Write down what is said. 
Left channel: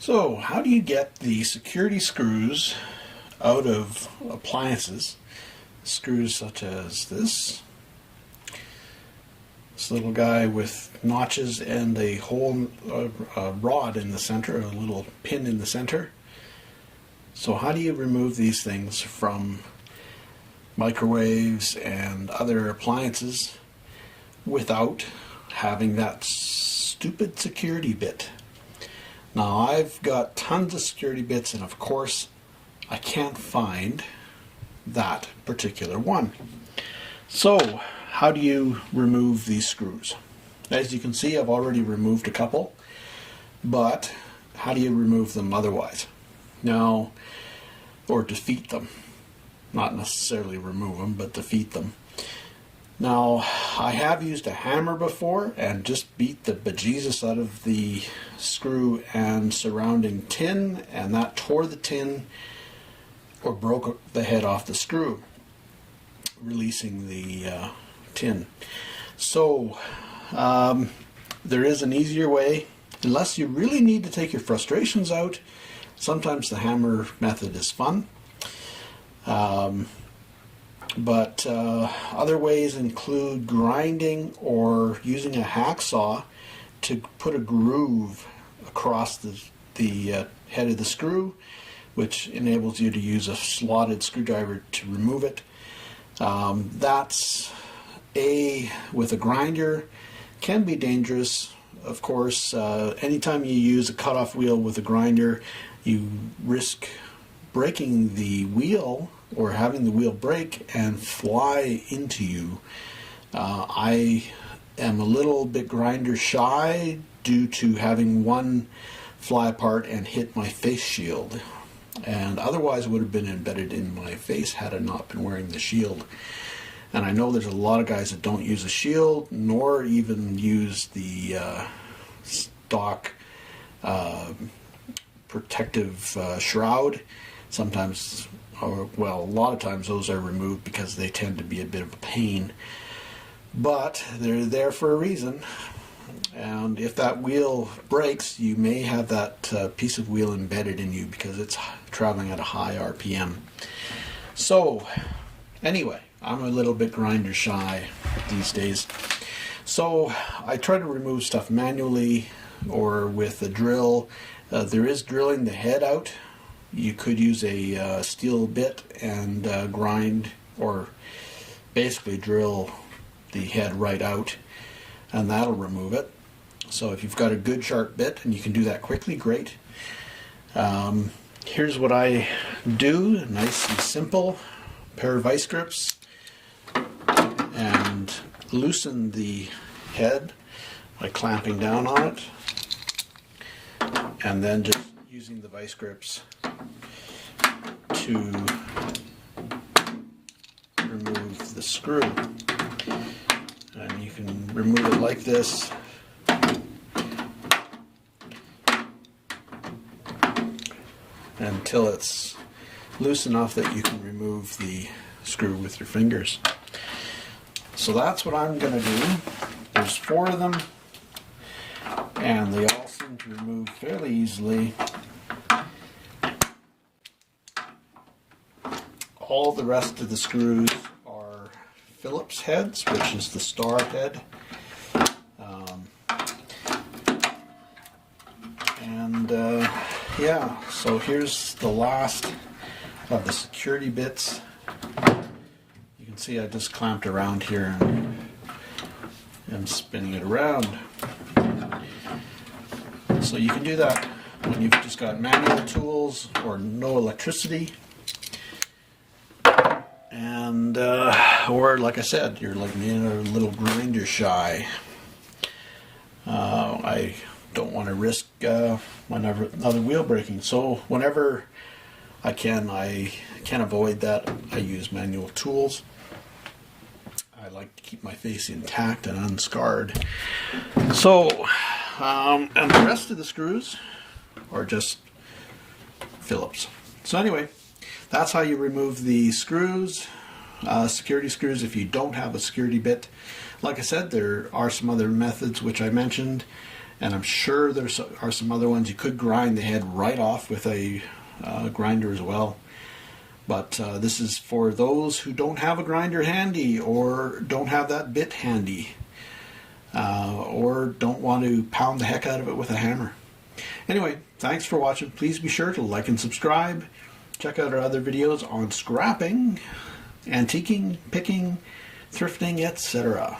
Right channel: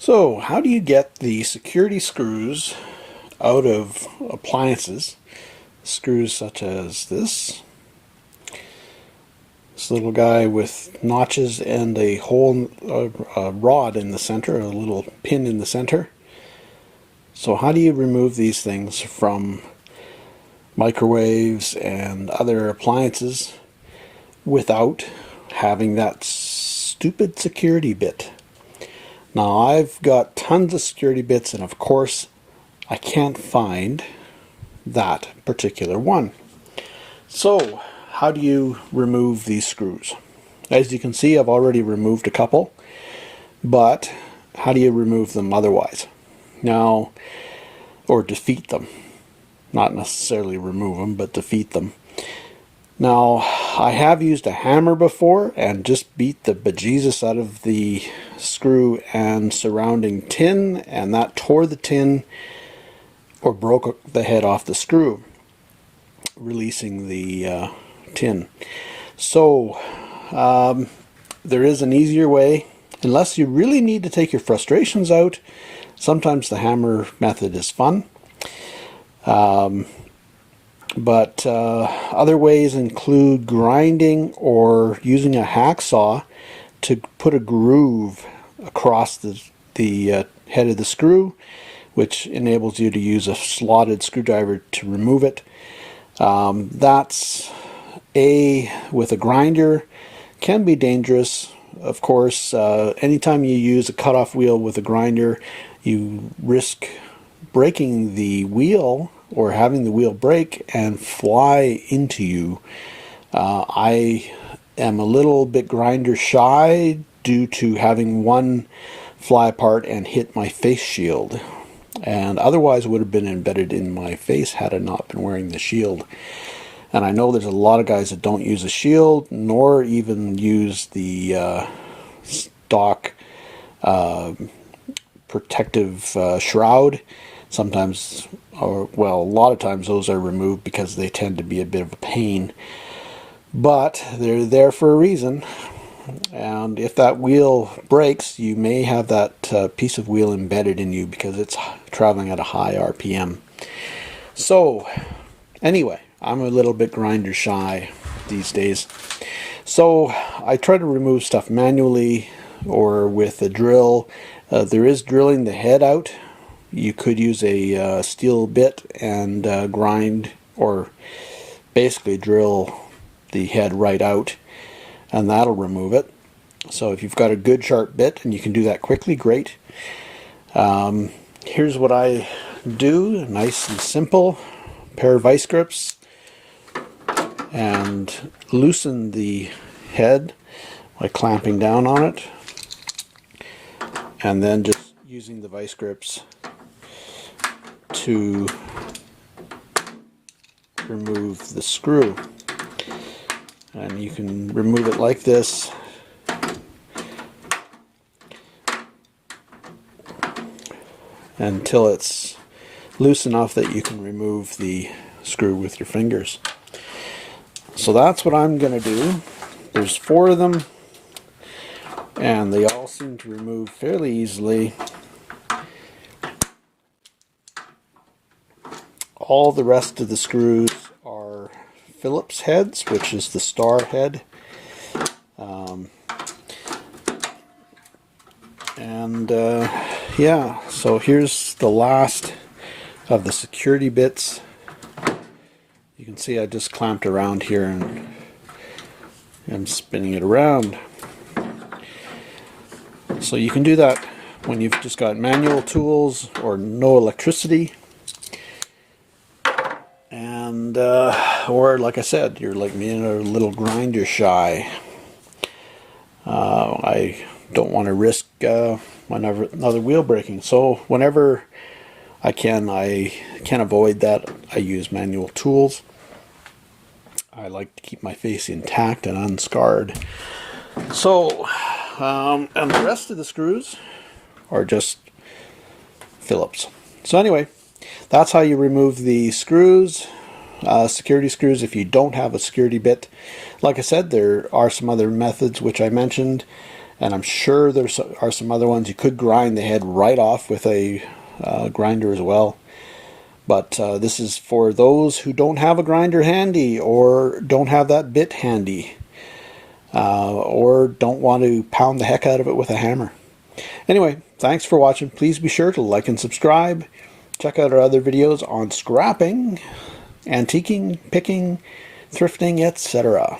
So, how do you get the security screws out of appliances? Screws such as this little guy with notches and a hole, a rod in the center, a little pin in the center. So, how do you remove these things from microwaves and other appliances without having that stupid security bit? Now, I've got tons of security bits, and of course I can't find that particular one. So how do you remove these screws? As you can see, I've already removed a couple, but how do you remove them otherwise? Now, or defeat them. Not necessarily remove them, but defeat them. Now, I have used a hammer before and just beat the bejesus out of the screw and surrounding tin, and that tore the tin or broke the head off the screw, releasing the tin. So, there is an easier way. Unless you really need to take your frustrations out, sometimes the hammer method is fun. But other ways include grinding or using a hacksaw to put a groove across the head of the screw, which enables you to use a slotted screwdriver to remove it. That's with a grinder can be dangerous. Of course, anytime you use a cutoff wheel with a grinder, you risk breaking the wheel or having the wheel break and fly into you. I am a little bit grinder shy due to having one fly apart and hit my face shield, and otherwise would have been embedded in my face had I not been wearing the shield. And I know there's a lot of guys that don't use a shield nor even use the stock protective shroud. Sometimes, or well, a lot of times those are removed because they tend to be a bit of a pain. But they're there for a reason. And if that wheel breaks, you may have that piece of wheel embedded in you because it's traveling at a high RPM. So, anyway, I'm a little bit grinder shy these days. So, I try to remove stuff manually or with a drill. There is drilling the head out. You could use a steel bit and grind or basically drill the head right out, and that'll remove it. So if you've got a good sharp bit and you can do that quickly, great. Here's what I do, nice and simple. A pair of vice grips, and loosen the head by clamping down on it, and then just using the vice grips to remove the screw. And you can remove it like this, until it's loose enough that you can remove the screw with your fingers. So that's what I'm going to do. There's 4 of them, and they all seem to remove fairly easily. All the rest of the screws are Phillips heads, which is the star head. Yeah, so here's the last of the security bits. You can see I just clamped around here and I'm spinning it around. So you can do that when you've just got manual tools or no electricity. And or like I said, you're like me, a little grinder shy. I don't want to risk another wheel breaking. So whenever I can avoid that, I use manual tools. I like to keep my face intact and unscarred. So, and the rest of the screws are just Phillips. So anyway, that's how you remove the screws, security screws, if you don't have a security bit. Like I said, there are some other methods which I mentioned, And I'm sure there are some other ones you could grind the head right off with a grinder as well. But this is for those who don't have a grinder handy, or don't have that bit handy, or don't want to pound the heck out of it with a hammer. Anyway, thanks for watching. Please be sure to like and subscribe. Check out our other videos on scrapping, antiquing, picking, thrifting, etc.